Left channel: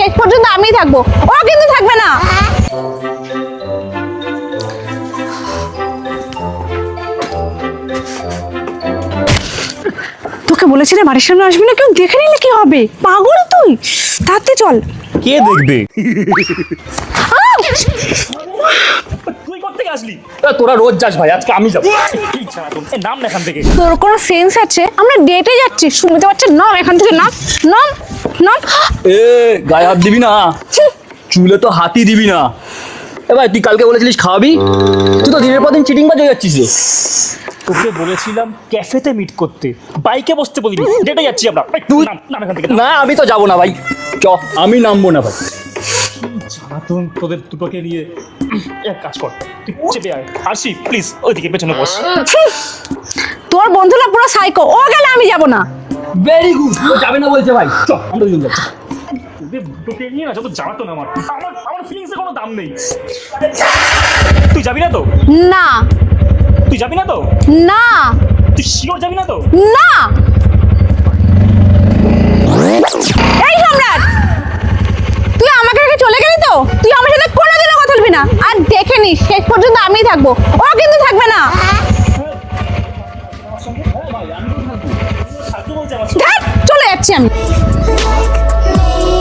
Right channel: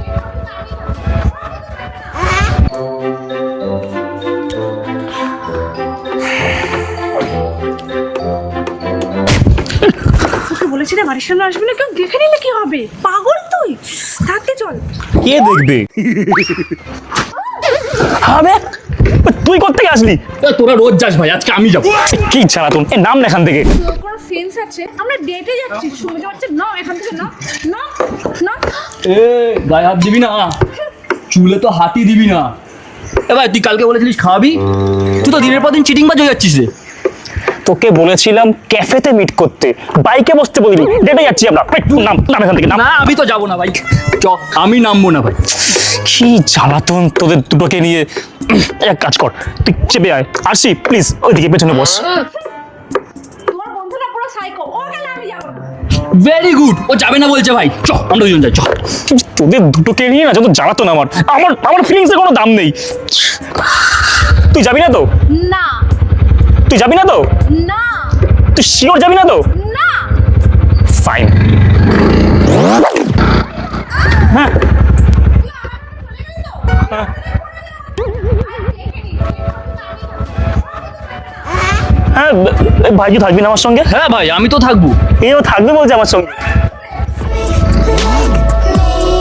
শেষ পর্যন্ত আমিই থাকবো, ও কিন্তু থাকবে না। তোকে বলেছি না বাড়ির সামনে আসবি না, কেউ দেখে নিলে কি হবে? পাগল তুই, তাতে চল। কে দেখবে? আবে তুই কোত্থেকে আসলি? তোরা রোজ যাস ভাই, আজকে আমি যাবো। কি ছাড়া তুমি নাম এখান থেকে। তোর কোনো সেন্স আছে? আমরা ডেটে যাচ্ছি, শুনতে পাচ্ছিস? নাম এখান থেকে, নাম নাম নাম। এ গায়ে হাত দিবি না, চুলে তো হাতই দিবি না। এ ভাই, তুই কালকে বলেছিলিস খাওয়াবি, তুই তো দিনের পর দিন চিটিং বাজ হয়ে যাচ্ছিস রে। তোকে বলেছিলাম ক্যাফেতে মিট করতে, বাইকে বসতে বলিনি, ডেটে যাচ্ছি আমরা। নাম নাম এখান থেকে। না আমি তো যাবো না ভাই, চ আমি নামবো না ভাই। কি জ্বালাতন তোদের দুটোকে নিয়ে। এক কাজ কর, তুই চেপে আয়। আরশি প্লিজ ওইদিকে পেছনে বস। তোর বন্ধুরা পুরো সাইকো, ও গেলে আমি যাব না। ভেরি গুড, ও যাবে না বলছে ভাই, চ আমরা দুজন যাই, চ। তোদের দুটোকে নিয়ে না যত জ্বালাতন আমার আমার আমার ফিলিংসের কোনো দাম নেই। তুই যাবি না তো? না তুই যাবি না তো? না তুই শিওর যাবি না তো? না। ফাইন। এই সম্রাট, হ্যাঁ তুই আমাকে রেখে চলে গেলি তো? তুই আমার সাথে কোনোদিনও কথা বলবি না, আর দেখে নিস শেষ পর্যন্ত আমিই থাকবো, ও কিন্তু থাকবে না। হ্যাঁ ভাই, কি থাকবি না আমার সঙ্গে? হ্যাঁ ভাই, আমি তো থাকবো। এও থাকবে বলছে আমার সঙ্গে। ধ্যাৎ, চলে যাচ্ছি আমি। like me.